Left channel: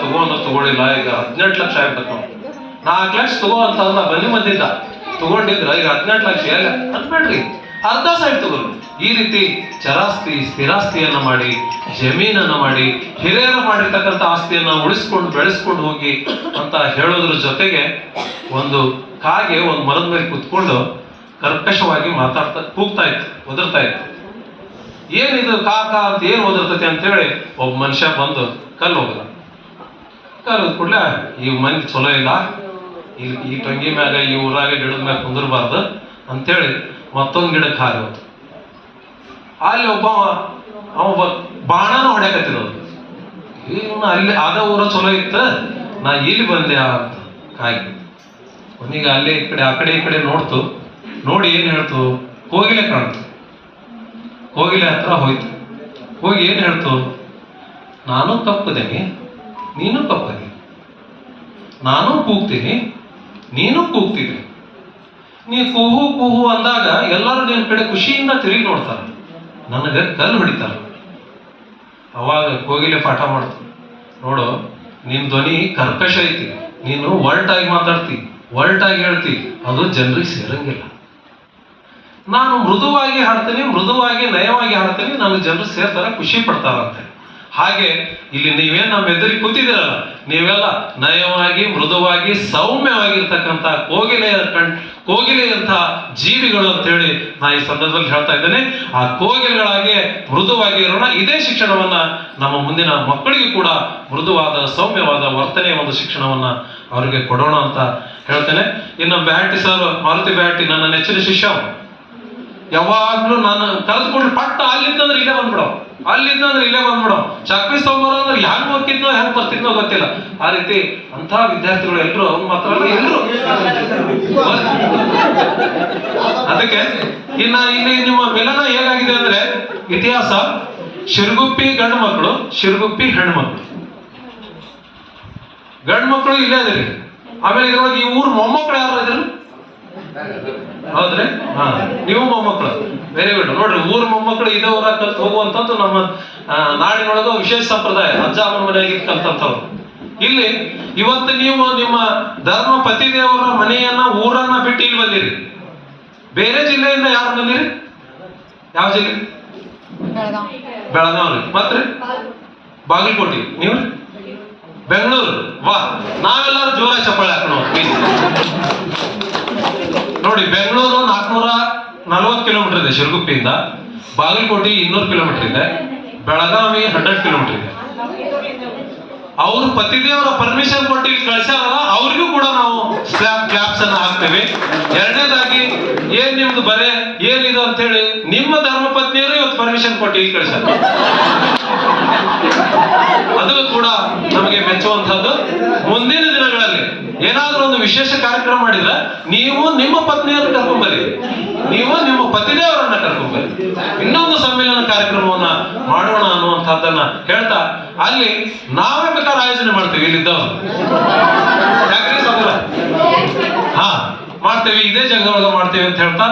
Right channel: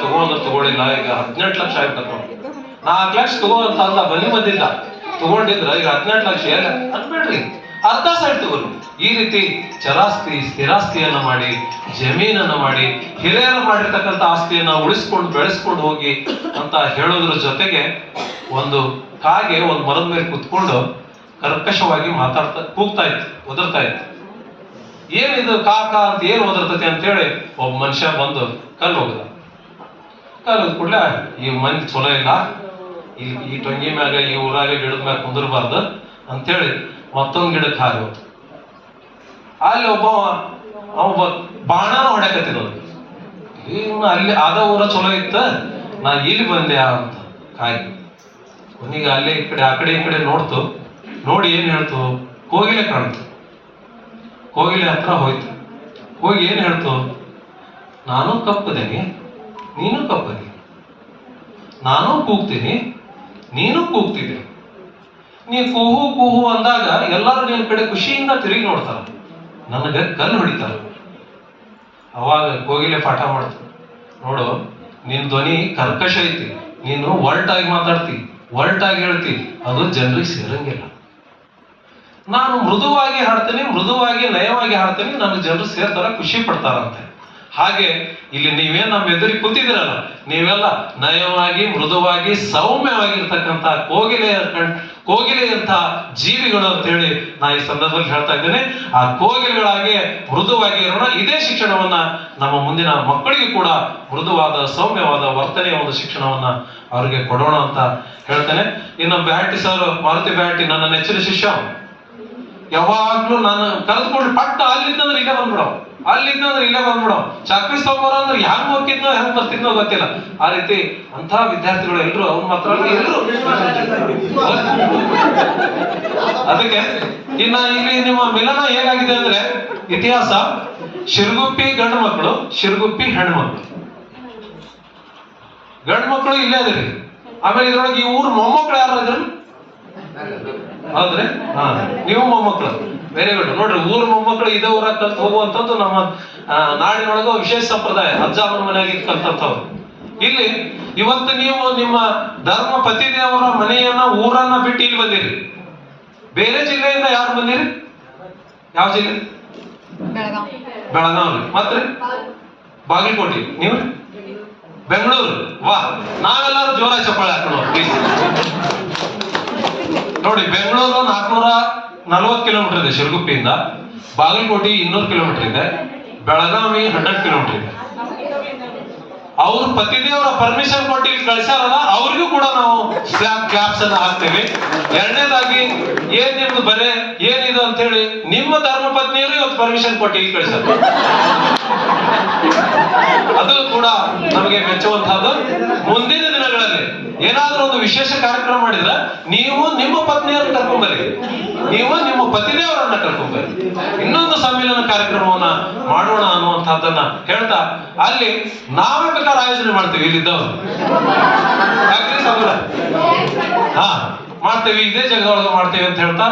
ತಗೋ ಅಂದ್ರೆ ತಗೊಳ್ಳಿಲ್ಲ ಈಗ ಹದಿನೆಂಟು ಲಕ್ಷ ಆಗ್ಬೇಕು ನಾಲ್ಕು ಲಕ್ಷ ತಗೋ ಅಂತ ಅಂದ ಬನ್ನಿ ಬಂದಿದ್ದ. ತಗೊಂಡಿದ್ರ, ಈಗ ಹದಿನೆಂಟು ಲಕ್ಷ ಎಲ್ಲ ಅನ್ಬೇಡ್ರಿ ಅರ್ಧ ಸೈಡ್ ತಗೋರಿ. ಈ ರೀತಿ ಚರಾಸ್ತಿ, ಸ್ಥಿರಾಸ್ತಿಯನ್ನ ಮಾಡಿ, ಜಮೀನನ್ನ ಮಾಡಿ, ಹಿರಿಯರು ಮಾಡಿರ್ತಕ್ಕಂಥ ಆಸ್ತಿಯನ್ನ ಉಳಿಸ್ಕೊಂಡು ಬೆಳೆಸ್ಕೊಂಡು ಹೋಗಿ ಅಂತ ಹೇಳೋದ್ರ ಜೊತೆಗೆ ಒಂದು ಕಾಗೆ, ಒಂದು ಮರದ ಮೇಲೆ ಕುತ್ಕೊಂಡು ಕರ್ಕಶವಾಗಿ ಮಾತಾಡ್ತಾ, ಕೂಗ್ತಾ ಇತ್ತು, ಒದರ್ತಾ ಇತ್ತು. ಏನಿದು ಕಾ ಕಾ ಅಂತ ಏನು ಒದರ್ತತೆ ಅಂತ ಹೇಳಿ ಒಬ್ಬ ಮನುಷ್ಯ ಬಂದು ಕಲ್ಲು ಹೋಗದ. ಕಲ್ಲು ಕೂಡಲೇ ಈ ಮಂದಿ ಚಲೋ ಇಲ್ಲ. ಇಲ್ಲಿ ಈ ಟೊಂಗಿ ಮ್ಯಾಗ, ಈ ಊರಾಗ ಗಿಡದ ಮ್ಯಾಗ ಕುಂದಿರಬಾರ್ದು ಅಂತೇಳಿ ಮತ್ತೊಂದು ಗಿಡಕ್ಕೆ ಹಾರಿ ಹೋತು. ಅಲ್ಲಿ ಒಬ್ಬ, ಅವ ಬಾಣನ ಹೊಡ್ಯಾಕತ್ತಿದ ಇವ್ನು ಅಲ್ಲಿ ಅದ ಊರ ಚಲೋ ಇತ್ತ. ನಾ ಇಲ್ಲಿ ಬಂದೆ ಅಂತ ಕಾಯಿ. ಕೊನೆಗೆ ಅಲ್ಲೇ ಈ ಕಡೆ, ಆ ಕಡೆ ಈ ಕಡೆ ನೋಡ್ತು. ನೋಡಿ ಏನು ಹೇಳ್ತು? ಕೋಗಿಲೆ ಕಾಣ್ತು. ಕೋಗಿಲೆ ಹತ್ರ ಹೋಯ್ತು. ಹೋಗಿ ಏನು ಹೇಳ್ತು? ನಾನು ಕಪ್ಪದೇನಿ ನೀನು ಕಪ್ಪಗೆ ನಾನು ಕೂಗ್ತೀನಿ, ನೀನು ಕೂಗ್ತೀನಿ ನೀ ಕೂಹು ಕೂಹು ಅಂದಾಗ ಎಲ್ಲರೂ ನಿನ್ನ ಕಡೆ ಖುಷಿಯಿಂದ ತಿರುಗಿ ನೋಡ್ತಾರೆ. ನನಗೆ ಕಲ್ಲು ಹೊಡಿತಾರ. ಅವಾಗ ಕೋಗಿಲೆ ಪಾಠ ಮಾಡ್ತು. ನೋಡು, ನಿನ್ ಧ್ವನಿ ಕರ್ಕಶ ಐತಿ. ನೀನು ಒಲ್ಟಾಗಿ ಮಾತಾಡ್ತಿ, ಒಲ್ಟಾಗಿ ಹೇಳ್ತಿ. ಅದು ಜನರಿಗೆ ಸೇರಂಗಿಲ್ಲ. ನಾನು ಮೃದುವಾಗಿ ಹಾಡ್ತೀನಿ, ಮೃದುವಾಗಿ ನಯವಾಗಿ ಹಾಡ್ತೀನಿ ನನಗೆ ಜನರು ಸೇರ್ತಾರ, ಖುಷಿ ಪಡ್ತಾರಂತೆ. ಹಾಗೆ ಇಲ್ಲಿ ನೀವೇನು ನಮ್ಮ ಎದುರಿಗೆ ಕೂತಿದ್ದೀರಲ್ಲ, ನೀವೆಲ್ಲ ನಯವಾಗಿ, ಮೃದುವಾಗಿ, ಸೌಮ್ಯವಾಗಿರ್ತಕ್ಕಂಥ ಕೋಗಿಲೆಯ ಕಣ್ ಕೋಗಿಲೆಯಂತ ಜೀವಿಗಳು ಅಂತ ಹೇಳಿ ನಾ ಈ ಸಂದರ್ಭದಲ್ಲಿ ಹೇಳ್ತಾ ಇದ್ದೇನೆ. ಆ ಕೋಗಿಲೆಗಳಾಗೆ ಮೃದುವಾಗಿ ಇರೋಣ. ಇದೇ ಶಿಕ್ಷಣವನ್ನ ನಮ್ಮ ಮುಂದಿನ ಮಕ್ಕಳಿಗೆ ಕೂಡ ಮೃದುವಾದ, ಸೌಮ್ಯವಾದ ವರ್ತನೆಯ ಒಂದು ಶಿಕ್ಷಣವನ್ನ ಅವರಿಗೆ ಕೊಡೋಣ ಅಂತ ಹೇಳ್ತೇನೆ. ಇನ್ನು ಬ್ಯಾಟಿ ಸರ್, ಮಾರುತಿ ಬ್ಯಾಟಿ ನನ್ನ ನೆಚ್ಚಿನ ಶಿಷ್ಯ. ಯಾವಾಗ್ಲೂ ನಾನು ಕರೆದುಕೊಂಡು ಪಟ್ಟ ಅಲ್ಲಿದ್ದಂದ್ರೆ ಇಲ್ಲೇ ಬಂದ್ಬಿಡೋ. ಅಲ್ಲಿದ್ದಂದ್ರೆ ಇಲ್ಲೇ ಬಂದ್ಬಿಡೋ. ಚಾಕ್ರಿ ಸ್ತಂಭರ ಅಂದ್ರೆ ಹೆಂಗ್ ಹೋಗ್ತಿದ್ನೋ, ಹೆಂಗ್ ಬರ್ತಿದ್ನೋ ಗೊತ್ತಿಲ್ಲ. ಆ ರೀತಿ ಅಂತ ವಿದ್ಯಾರ್ಥಿಗಳು ಎಲ್ರು ಅವ್ನು ಮಾತ್ರ ಎಲ್ರು. ಅದಕ್ಕೆ ಇನ್ನ ಇಲ್ಲಿ ನಿಮ್ಮ ಮಿಲನ ಏನಾಗಿದೆ ಅಂದ್ರೆ ಇತಿಹಾಸ, ಶಿರ್ಗುಪ್ಪಿ ಗಂಡು ಮಕ್ಕಳು ಶಿರ್ಗುಪ್ಪಿ ಹೆಣ್ಮಕ್ಳು. ಗಂಡು ಮಕ್ಕಳು ಇಲ್ಲೇ ಇದ್ರಿ ಆಮೇಲೆ ಇದ್ರೊಳಗೆ ಈ ಊರ್ ಮೊಮ್ಮಕ್ಕಳು ಯಾರು ಇದ್ರು? ಹೌದ್ರಿ? ಹಾ. ನೀವು ಮೊಮ್ಮಕ್ಕಳು ವೆರಿ ಗುಡ್ ನೋಡ್ರಿ ಊರ್ ಮೊಮ್ಮಕ್ಕಳು ಇದೇ ಊರಾಗ ಕಲ್ತು ಹೋಗುವಂತದ್ದು ನಮ್ಮ ನಾಡಿನೊಳಗ ವಿಶೇಷ ಸಂಪ್ರದಾಯ. ಅಜ್ಜ ಅಮ್ಮನ ಮನೆಯಾಗಿ ಕಲ್ತಂತವ್ರು ಇಲ್ಲಿ ಇವತ್ತು ನೀವು ನಿಮ್ಮ ಧರ್ಮ ಪತಿದೇವರ ಮನೆಯನ್ನ ಊರನ್ನ ಬಿಟ್ಟು ಇಲ್ಲಿ ಬಂದಿರಿ. ಬೇರೆ ಜಿಲ್ಲೆಯಿಂದ ಯಾರು ಬಂದಿರಿ? ಯಾವ ಜಿಲ್ಲೆ? ಬೆಳಗಾವಿ. ಮತ್ತೆ ಬಾಗಲಕೋಟೆ. ನೀವು? ಬೆಂಗಳೂರು. ವಾ ನಾವೆಲ್ಲರೂ ಜೋರ ಚಪ್ಪಾಳೆ ಹಾಕೋಣ. ನೋಡಿ, ಬೆಂಗಳೂರು ನಾಲ್ಕುನೂರ ನಲ್ವತ್ತು ಕಿಲೋಮೀಟರ್ ಇದೆ ಶಿರಗುಪ್ಪಿಯಿಂದ. ಬಾಗಲಕೋಟೆ ಇನ್ನೂರು ಕಿಲೋಮೀಟರ್ ಇದೆ. ಬೆಳಗಾವಿ ಹಂಡ್ರೆಡ್ ಕಿಲೋಮೀಟರ್ ಇದೆ. ಅವ್ರ ಪತಿದೇವರ ಪರ್ಮಿಷನ್ ಕೊಟ್ಟು ಕಳ್ಸ್ಯಾರಲ್ಲ, ಅವ್ರಿಗೂ ಕೂಡ ನಾವು ಸ್ಲ್ಯಾಬ್ ಕ್ಲಾಪ್ಸ್ ಅನ್ನ ಹಾಕ್ತೇವೆ. ಎರಡನೇದಾಗಿ, ಏನ್ ನಿಮ್ದು ಬರೆ, ಏನಿದು ಅಂತ ಹೇಳಿ ನಿಮ್ಮ ಧರ್ಮ ಪತ್ನಿಯರು ಇವತ್ತು ಪರ್ಮಿಷನ್ ಕೊಟ್ಟು ಕಳ್ಸ್ಯಾರ. ಅದು ಕೂಡ ನಮಗೆ ಮೆಚ್ಚುವಂತಹದ್ದು ಮುಂದಿನ ದಿನಗಳಲ್ಲಿ. ಏನಾದ್ರೂ ಒಂದು ವಿಶೇಷ ಕಾರ್ಯಕ್ರಮ ಮಾಡಿದ್ರೆ ನೀವು ನಿಮ್ಮ ಪತ್ನಿಯರು ಕರ್ಕೊಂಬರಿ ನೀವು ನಿಮ್ಮ ಪತಿದೇವರನ್ನ ಕರ್ಕೊಂಬರಿ ಇನ್ನೊಂದು ಸಮ್ಮೇಳನ ಕಾರ್ಯಕ್ರಮವನ್ನ ಮಾಡೋಣ ಅನ್ನುವಂಥದ್ದನ್ನ ಹೇಳ್ತಾ ಅಲ್ಲಿ ನಾವೇ ಬೇಕಾದ್ರೆ ಆಯೋಜನೆ ಮಾಡ್ತೀವಿ ಇಲ್ಲಿದ್ದವರು. ಹಾ, ಮಾಡ್ತೇವೆ. ಇದೇ ಜಗದೊಳಗ ಮಾಡ್ತೇವೆ ಅಂತ ಹೇಳ್ತಾ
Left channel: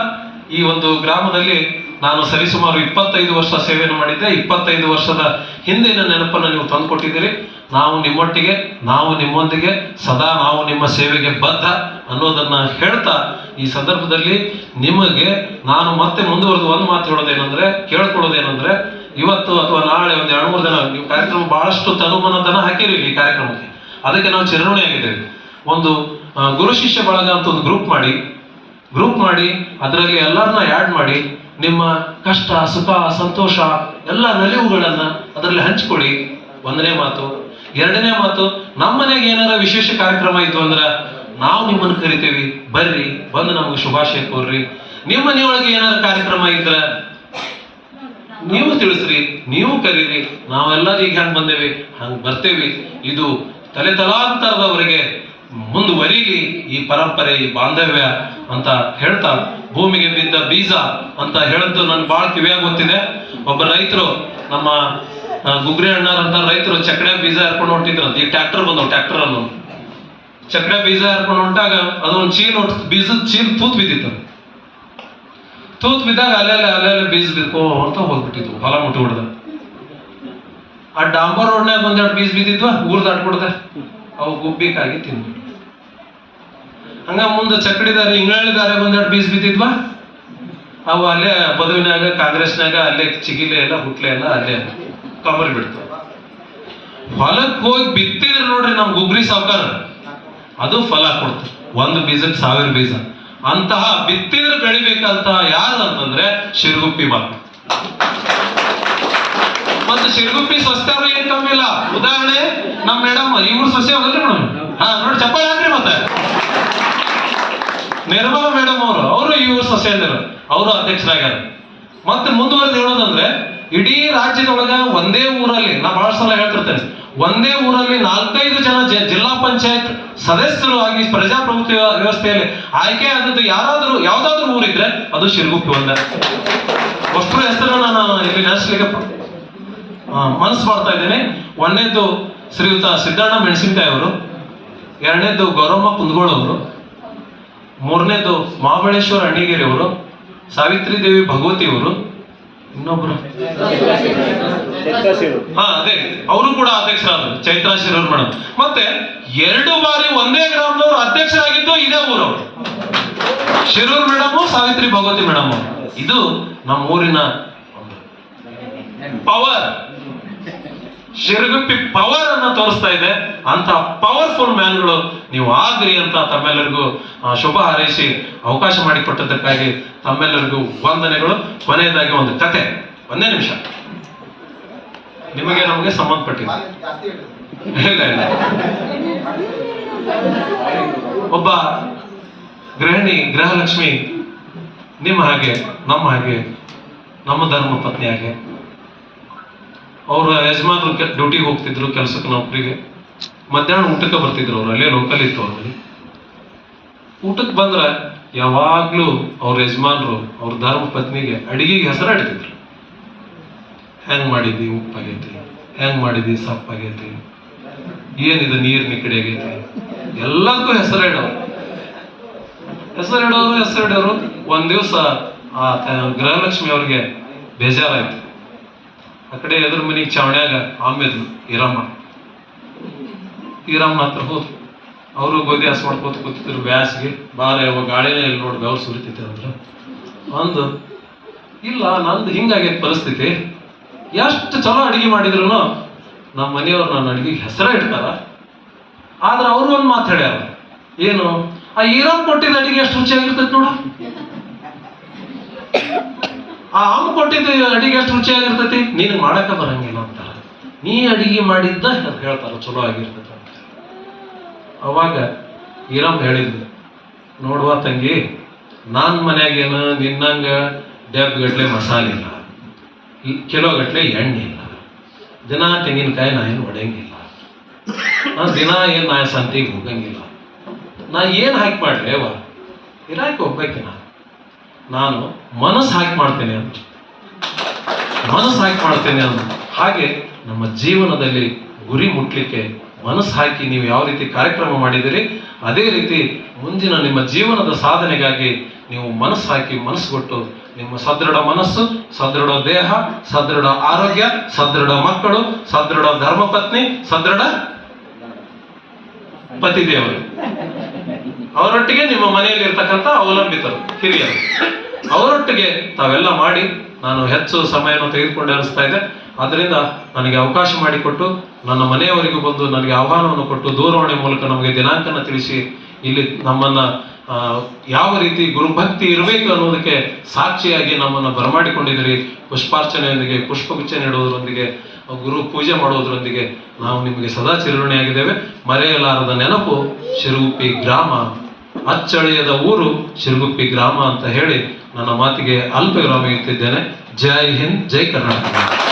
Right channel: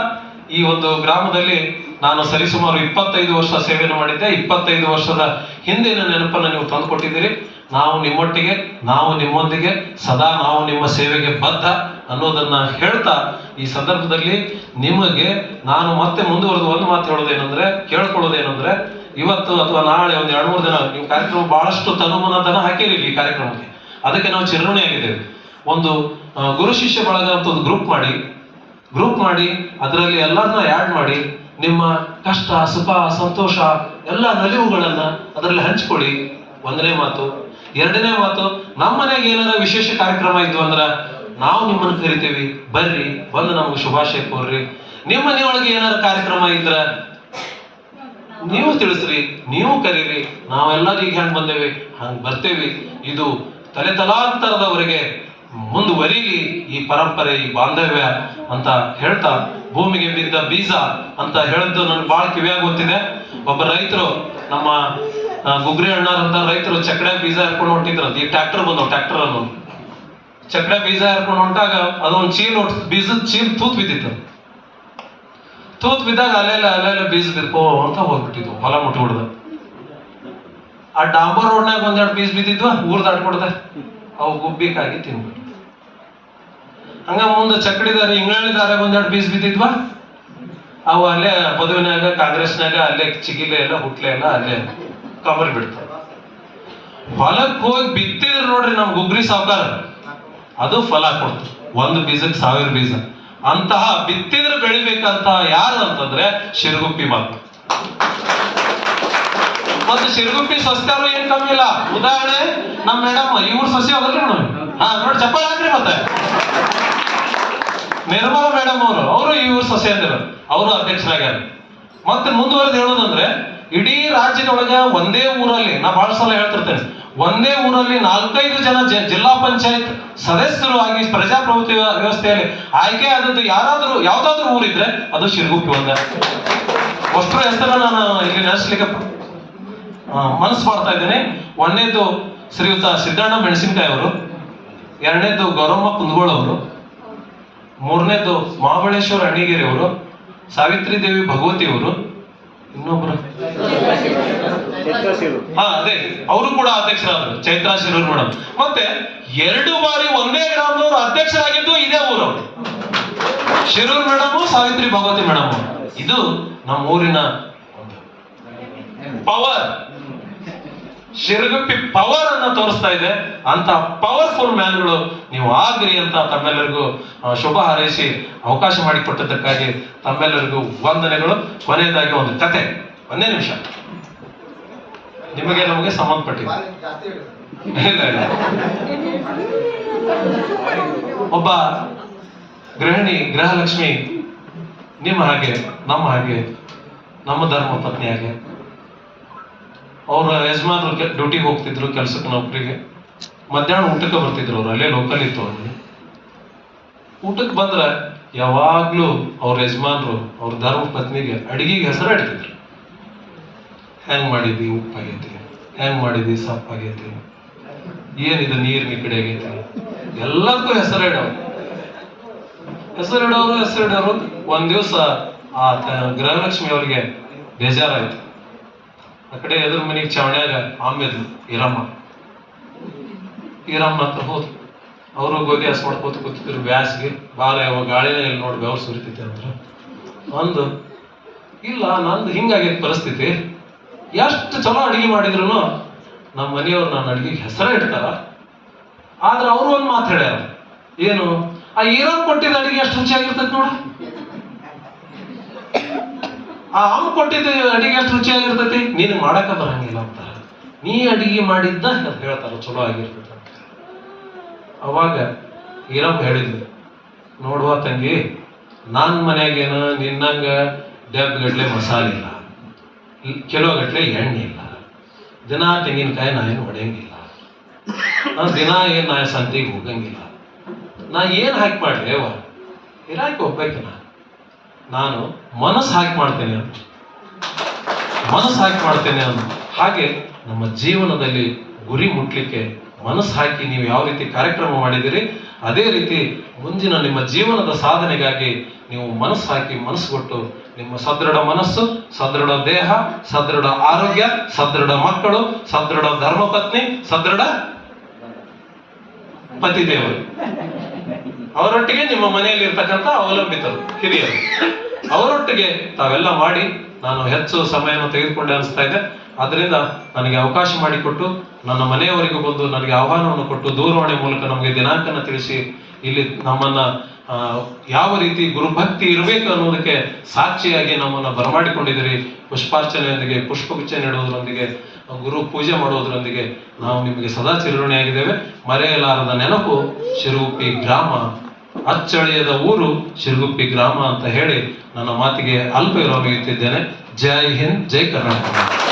ಈ ಒಂದು ಗ್ರಾಮದಲ್ಲಿ ನಾನು ಸರಿಸುಮಾರು ಇಪ್ಪತ್ತೈದು ವರ್ಷ ಸೇವೆಯನ್ನು ಮಾಡಿದ್ದೆ. ಇಪ್ಪತ್ತೈದು ವರ್ಷದ ಹಿಂದಿನ ನೆನಪನ್ನು ನೀವು ತಂದುಕೊಟ್ಟಿದ್ದೀರಿ. ನಾವು ನಿಮ್ಮೊಟ್ಟಿಗೆ, ನಾವು ನಿಮ್ಮೊಂದಿಗೆ, ಸದಾ ನಾವು ನಿಮ್ಮ ಸೇವೆಗೆ ಬದ್ಧ ಅನ್ನೋದನ್ನ ಹೇಳ್ತಾ ಈ ಸಂದರ್ಭದಲ್ಲಿ ನಿಮಗೆ ನಾನು ಮತ್ತೆ ಮುಂದುವರೆದು ಒಂದು ಮಾತು ಹೇಳೋದೇನೆಂದ್ರೆ, ಕೇಳ್ಕೊಳ್ಳೋದೇನೆಂದ್ರೆ, ಇವತ್ತು ಅಥವಾ ನಾಳೆ ಒಂದು ಎರಡು ಮೂರು ದಿನ ನೀವು ಕಾರ್ಯಕ್ರಮ ಬಹಳಷ್ಟು ತನುಮನತನ ಹಾಕಿರಿ ಈ ಕಾರ್ಯಕ್ರಮಕ್ಕೆ. ಅದಕ್ಕೆ ನಾವು ಚಿರಋಣಿ ಆಗಿದ್ದೇವೆ. ಒಂದು ಗುರು ಶಿಷ್ಯ ಬಳಗ ಅಂತ ಒಂದು ಗ್ರೂಪ್ ಮಾಡಿ ಗ್ರೂಪ್ ಮಾಡಿ, ಅದರಲ್ಲಿ ಎಲ್ಲರನ್ನ ಆ್ಯಡ್ ಮಾಡಿ, ನಿಮ್ಮ ಕಷ್ಟ, ಸುಖ, ಸಂತೋಷ, ಎಲ್ಲ ನಲಿವುಗಳನ್ನು ಅದರಲ್ಲಿ ಹಂಚಿಕೊಳ್ಳಿ. ಒಂದನೇ ಮಾತು ಎರಡನೇ ಮಾತು, ನಮ್ಮ ಮನೆಗೆ ಏನಾರ ವಿಶೇಷ ಕಾರ್ಯಕ್ರಮ ಇತ್ತು ಅಂದ್ರ ನಾವು ನಿಮ್ಮನ್ನು ಕರಿತೀವಿ. ಬರ್ರಿ, ಬಂದು ನಮಗೆ ಶುಭಾಶಯ ಕೋರ್ರಿ. ನಿಮ್ಮ ಮನೆಯೊಳಗೆ ಏನಾರ ಕಾರ್ಯಕ್ರಮ ಇದ್ರ ನೀವು ತಿಳಿಸ್ರಿ, ನೀವು ಕರೀರಿ. ನಾವೆಲ್ಲರೂ ಈಗ ಹೆಂಗ್ ಬಂದೇವಿ, ಹಂಗ್ ಬರ್ತೇವಿ. ಇದು ತಲೆ ತಲಾಂತರದವರಿಗೆ ಮುಂದುವರಿಲಿ ಈ ಪರಂಪರೆ, ಈ ಬಾಂಧವ್ಯ ಅಂತ ಹೇಳ್ತಾ, ಭೂಮಿಗೆ ಬಿದ್ದ ಬೀಜ ಅಂತ ಹೇಳಿದ್ದು ನನ್ಗೆ ಬಹಳ ಕಿವಿಯಾಗಿ ಗೊತ್ತಿದೆ. ಒಬ್ಬ ರೈತರು ನಮ್ಮ ಗುಗ್ರಿ ಅಣ್ಣಾರಂತ ರೈತರು ಚಕ್ರ ಬೀಜ ಹರ್ಕೊಂಡು ಹೊಂಟಿದ್ರಂತ. ಈ ಟ್ರ್ಯಾಕ್ಟರ್ ಬಂದವು ಟ್ರ್ಯಾಕ್ಟರ್ ಅನ್ನು ಚಕ್ರ ಬೀಜ ಹರ್ಕೊಂಡು ಹೊಂಟಾಗ ಅದೊಂದು ಚೀಲ ಬೀಜದ ಚೀಲ ತೂತ್ ಬಿದ್ದಿತ್ತು. ತೂತ್ ಬಿದ್ದಾಗ ಅಲ್ಲೆಲ್ಲ ಅಲ್ಲೆಲ್ಲ ಬೀಜ ಬಿದ್ಕೋ ಅಂತ ಹೋಗ್ಬಿಟ್ಟಿದ್ವು, ಹೊಲ ಮುಟ್ಬಿಡ್ದ ಆ ಡಾಂಬರ್ ರೋಡ್ನಾಗ ಒಂದೆರಡು ಬೀಜ ಬಿದ್ದಿದ್ವ ಊರ್ ದಾಟ್ಕೊಡ್ದೆ ಅವು ಗುಬ್ಬಿಕಾಗಿ ತಿಂದ್ಬಿಟ್ಟು ಹಂಗ ಮುಂದೆ ಚಕ್ಡಿದಾರೆ ಇಂಗಳಿದಾರೆ ಒಂದೆರಡು ಬೀಜ ಬಿದ್ದಿದ್ವ. ಅವು ಅಲ್ಲೇ ಬದುವಿನಾಗ ಕಾಂಗ್ರೆಸ್ನಾಗ ಅಲ್ಲೇ ಚಿಗಿಲೆ ಎಲ್ಲ, ಹುಟ್ಲೆ ಎಲ್ಲ ಅಲ್ಲೇ. ಕಮರಿ ಬಿಡ್ತಾವ ಹೊಲಕ್ಕೆ ಹೋಗಿ ಬಿತ್ತಿದ್ರೆ ನೋಡ್ರಿ ನಮ್ ಗುಗ್ರಿ ಸಾವುಕಾರ. ಅದು ಫಲ ಕೊಡ್ತು. ಒಂದು ಬೀಜಕ್ಕೆ ಸಾವಿರ ಬೀಜ. ಅಂತಹ ಬಿತ್ತಿದ್ರೆ ಬೆಳಿಬೇಕಂತ ಯಾರು ಅಂತಂದ್ರೆ ಶಿರಗುಪ್ಪಿ ಮಾತು ಮತ್ತೆ ಶಿರಗುಪ್ಪಿ ಸಸ್ಯರು ಏನ್ ಕಮ್ಮಿ ಇಲ್ಲ. ಉದಾಹರಣೆ, ನಮ್ ಮೇಡಮ್ ಇವ್ರ ಸಸ್ಯ ಹೋಗಲ್ರಿ ಮೇಡಮ್? ಹಾ, ನೋಡಿ ಚಪ್ಪಲ್ ಹಾಕ್ರಿ ಮತ್ತೆ. ನಿರ್ಮಲಾ ಮೇಡಮ್ ಅವರು ಅವರು ಇವ್ರ ಸಸ್ಯಂದರು ಅವರು ಅಧ್ಯಕ್ಷರಾಗ್ಯಾರ. ಮತ್ತೆ ಮುಂದುವರೆದು ಹೇಳೋದಂದ್ರೆ ಇಡೀ ರಾಜ್ಯದೊಳಗ ಒಂದೇ ಊರಲ್ಲಿ, ನಾ ಬಹಳ ಸಲ ಹೇಳ್ತಿರ್ತೇನೆ, ಒಂದೇ ಊರಲ್ಲಿ ನಾಲ್ಕೈದು ಜನ ಜಿಲ್ಲಾ ಪಂಚಾಯತ್ ಸದಸ್ಯರು ಆಗಿ ಪ್ರಜಾಪ್ರಭುತ್ವ ವ್ಯವಸ್ಥೆಯಲ್ಲಿ ಆಯ್ಕೆ ಆದದ್ದು ಯಾರಾದರೂ, ಯಾವ್ದಾದ್ರು ಊರಿದ್ರೆ ಅದು ಶಿರಗುಪ್ಪಿ ಒಂದೇ. ಅಷ್ಟರ ಹೆಸರನ್ನ ನಾನು ಇಲ್ಲಿ ನೆನೆಸ್ಲಿಕ್ಕೆ ಮನಸ್ಸು ಮಾಡ್ತಾ ಇದ್ದೇನೆ. ಒಂದನೇದು ಶ್ರೀಯುತ ಸಿದ್ದಣ್ಣ ಮೆಣಸಿನಕಾಯಿ ಅವರು ಎರಡನೇದು ಗೌರಮ್ಮ ಕುಂದಗೋಳ ಅವರು ಮೂರನೇದು ಮಹಾಬಳೇಶ್ವರ ಅಣಿಗಿರಿ ಅವರು ಸಾವಿತ್ರಿ ದೇವಿ ಭಗವತಿ ಅವರು ಇನ್ನೊಬ್ರು? ಹಾ ಅದೇ. ಅವರು ಕೂಡ ಅಧ್ಯಕ್ಷರಾದ್ರು. ಚೈತ್ರಾ ಶಿರೂರ್ ಮೇಡಮ್ ಮತ್ತೆ ಎರಡು ಬಾರಿ ಒಂದೇ ಗ್ರಾಮದವರು ಅಧ್ಯಕ್ಷರಾಗಿದ್ದು ಇದೇ ಊರು. ಶಿರೂರ್ ಮೇಡಮ್ ಸಾವಿತ್ರಿ ಭಗವತಿ ಮೇಡಮ್ ಇದು ನಮ್ಮ ಊರಿನ ಪವರ್ ಶಿರಗುಪ್ಪಿ ಪವರ್ ಅನ್ನು ತೋರಿಸ್ತಾ ಇದೆ. ಅಂತ ಪವರ್ಫುಲ್ ಮ್ಯಾನ್ಗಳು ನೀವು ಆಗ್ರಿ ಅಂತ ತಮ್ಮೆಲ್ಲರಿಗೂ ಶುಭ ಹಾರೈಸಿ ಅವಕಾಶ ಮಾಡಿಕೊಟ್ಟದ್ದಕ್ಕಾಗಿ ತಮ್ಮೆಲ್ಲರಿಗೂ ವಂದನೆಗಳು. ಕೊನೆಯದಾಗಿ ಒಂದು ಕತೆ. ಒಂದೇ ನಿಮಿಷ. ನಿಮಗೆ ನಮಗೆ ಸಂಬಂಧಪಟ್ಟಿದೆ. ಒಬ್ಬ ಗೃಹಿಣಿ ಗೃಹಲಕ್ಷ್ಮಿ ನಿಮ್ಮ ಹಾಗೆ, ನಮ್ಮ ಹಾಗೆ, ನಮ್ಮ ಧರ್ಮ ಪತ್ನಿ ಹಾಗೆ ಅವ್ರ ಯಜಮಾನ್ರು ಡ್ಯೂಟಿಗೆ ಹೋಗ್ತಿದ್ರು, ಕೆಲಸಕ್ಕೆ ನೌಕರಿಗೆ. ಮಧ್ಯಾಹ್ನ ಊಟಕ್ಕೆ ಬರ್ತಿದ್ರು ಅವ್ರು, ಅಲ್ಲೇ ಲೋಕಲ್ ಇತ್ತು ಅವ್ರ ಊಟಕ್ಕೆ ಬಂದ್ರೆ ಯಾವಾಗ್ಲೂ ಅವ್ರ ಯಜಮಾನ್ರು, ಅವ್ರ ಧರ್ಮ ಪತ್ನಿಗೆ ಅಡಿಗೆಗೆ ಹೆಸರು ಇಡ್ತಿದ್ರು ಹೆಂಗ್ ಮಾಡಿದ್ವಿ ಉಪ್ಪಾಗೈತಿ ಹೆಂಗ್ ಮಾಡಿದಿ ಸಪ್ಪಾಗೈತಿ ಏನಿದೆ ನೀರ್ ನಿಕಡೆ ಆಗೈತಿ ಎಲ್ಲದಕ್ಕೂ ಹೆಸರು ಇಡೋರು ಹೆಸರು ಇಡೋರು ಹೆಸರು ಇಡೋರು ಒಂದ್ ದಿವಸ ಆ ಗೃಹಲಕ್ಷ್ಮಿ ಅವ್ರಿಗೆ ಬೇಜಾರಾಯ್ತು. ಆ ಕಡೆ ಎದುರು ಮನೆಗೆ ಚಾವಣ್ಯಾಗ ಆಮೇಲೆ ಈರಮ್ಮ ಈರಮ್ಮ ಹತ್ರ ಹೋದ್ರು. ಅವರು ಗೋಧಿ ಹಸು ಮಾಡ್ಕೋತ ಕೂತಿದ್ರು ಬ್ಯಾಸ್ಗೆ. ಬಾರ ಯಾವ ಗಾಳಿನೇ ಇಲ್ಲಿ ನೋಡಿ ಗೌರ್ ಸುರಿತೈತೆ ಅಂದ್ರೆ. ಅಂದು, ಇಲ್ಲ, ನಂದು ಹಿಂಗಾಗೈತೆ ಪರಿಸ್ಥಿತಿ. ಎಷ್ಟು ಚಲೋ ಅಡಿಗೆ ಮಾಡಿದ್ರು ನಮ್ಮ ಮನೆಯವ್ರು ನನ್ನ ಅಡುಗೆಗೆ ಹೆಸರೇ ಇಡ್ತಾರ. ಆದ್ರೆ ಅವ್ರು ಒಂದು ಮಾತು ಏನು? ಆ ಈರಮ್ಮ ಕೊಟ್ಟಿದ್ದ ಅಡಿಗೆ ಎಷ್ಟು ರುಚಿಯಾಗಿರ್ತೈತೆ ನೋಡು. ಆ ಅಮ್ಮ ಕೊಟ್ಟಿದ್ದು ಅಡಿಗೆ ಎಷ್ಟು ರುಚಿಯಾಗಿರ್ತೈತಿ? ನೀನು ಮಾಡಕ ಬರಂಗಿಲ್ಲ ಅಂತಾರೆ. ನೀ ಅಡಿಗೆ ಮಾಡಿದ್ದ ಹೇಳ್ತಾರ, ಚಲೋ ಆಗಿರ್ತೈತೆ ಅವಾಗ ಈರಮ್ಮ ಹೇಳಿದ್ರು ನೋಡುವ ತಂಗಿ, ನಾನ್ ಮನೆಯಾಗೇನು ನಿನ್ನಂಗ ಡೆಬ್ ಗಟ್ಲೆ ಮಸಾಲೆ ಇಲ್ಲ ಕಿಲೋ ಗಟ್ಲೆ ಎಣ್ಣೆ ಇಲ್ಲ, ದಿನ ತೆಂಗಿನಕಾಯಿ ನಾ ಏನು ಹೊಡೆಯಂಗಿಲ್ಲ ನಾನು ದಿನ ಏನು ನಾ ಸಂತಿಗೆ ಹೋಗಂಗಿಲ್ಲ. ನಾ ಏನು ಹಾಕಿ ಮಾಡ್ರಿ ಅವ ಇರಾಕೆ ಹೋಗ್ಬೇಕು ನಾ ನಾನು ಮನಸ್ಸು ಹಾಕಿ ಮಾಡ್ತೇನೆ ಅಂತ. ಮನಸ್ಸು ಹಾಕಿ ಮಾಡ್ತೇನೆ ಅಂತ. ಹಾಗೆ ನಮ್ಮ ಜೀವನದಲ್ಲಿ ಗುರಿ ಮುಟ್ಲಿಕ್ಕೆ ಮನಸ್ಸು ಹಾಕಿ ನೀವು ಯಾವ ರೀತಿ ಕಾರ್ಯಕ್ರಮ ಮಾಡಿದಿರಿ ಅದೇ ರೀತಿ ಮುಂದಿನ ನಿಮ್ಮ ಜೀವನದ ಸಾಧನೆಗಾಗಿ ನೀವು ಮನಸ್ಸು ಹಾಕಿ ಮನಸ್ಸು ಕೊಟ್ಟು ನಿಮ್ಮ ಸದೃಢ ಮನಸ್ಸು, ಸದೃಢ ದೇಹ, ಸದೃಢ ಆರೋಗ್ಯ, ಸದೃಢ ಮಕ್ಕಳು, ಸದೃಢ ಧರ್ಮಪತ್ನಿ, ಸದೃಢ ಪತಿದೇವರು. ಅವರೊಟ್ಟಿಗೆ ನಿಮ್ಮ ಮನೆಯಲ್ಲಿ ಇರ್ತಕ್ಕಂಥ ಅವಲಂಬಿತರು, ಹಿರಿಯರು. ಅವರೊಟ್ಟಿಗೆ ತಾವೆಲ್ಲ ಮಾಡಿ ನಾನು ಹೆಚ್ಚು ಸಮಯವನ್ನು ತೆಗೆದುಕೊಂಡೆ ಅನಿಸ್ತಾ ಇದೆ. ಅದರಿಂದ ನನಗೆ ಅವಕಾಶ ಮಾಡಿಕೊಟ್ಟು ನನ್ನ ಮನೆಯವರಿಗೂ ಬಂದು ನನಗೆ ಆಹ್ವಾನವನ್ನು ಕೊಟ್ಟು ದೂರವಾಣಿ ಮೂಲಕ ನಮಗೆ ದಿನಾಂಕನ ತಿಳಿಸಿ, ಇಲ್ಲಿ ನಮ್ಮನ್ನ ಯಾವ ರೀತಿ ಗುರುಭಕ್ತಿ ಇರಬೇಕು ಅನ್ನೋದಕ್ಕೆ ಸಾಕ್ಷಿಯಾಗಿ ನಮ್ಮನ್ನ ಬರಮಾಡಿಕೊಂಡಿದ್ದೀರಿ. ಪುಷ್ಪಾರ್ಚನೆಯೊಂದಿಗೆ, ಪುಷ್ಪಗುಚ್ಛ ನೀಡುವುದರೊಂದಿಗೆ, ಗುರು ಪೂಜೆ ಮಾಡುವುದರೊಂದಿಗೆ ನಾವು ನಿಮಗೆ ಸದಾ ಚಿರಋಣಿಯಾಗಿದ್ದೇವೆ. ಮರೆಯಲಾರದ ನೆನಪು ಶಿರುಗುಪ್ಪಿ ಗ್ರಾಮ, ಅಚ್ಚಳಿಯದ ಊರು ಶಿರುಗುಪ್ಪಿ ಗ್ರಾಮ ಅಂತ ಹೇಳಿ ನನ್ನ ಮಾತಿಗೆ ಅಲ್ಪ ವಿರಾಮ ಇಡುತ್ತಿದ್ದೇನೆ ಜೈ ಹಿಂದ್ ಜೈ ಕರ್ನಾಟಕ.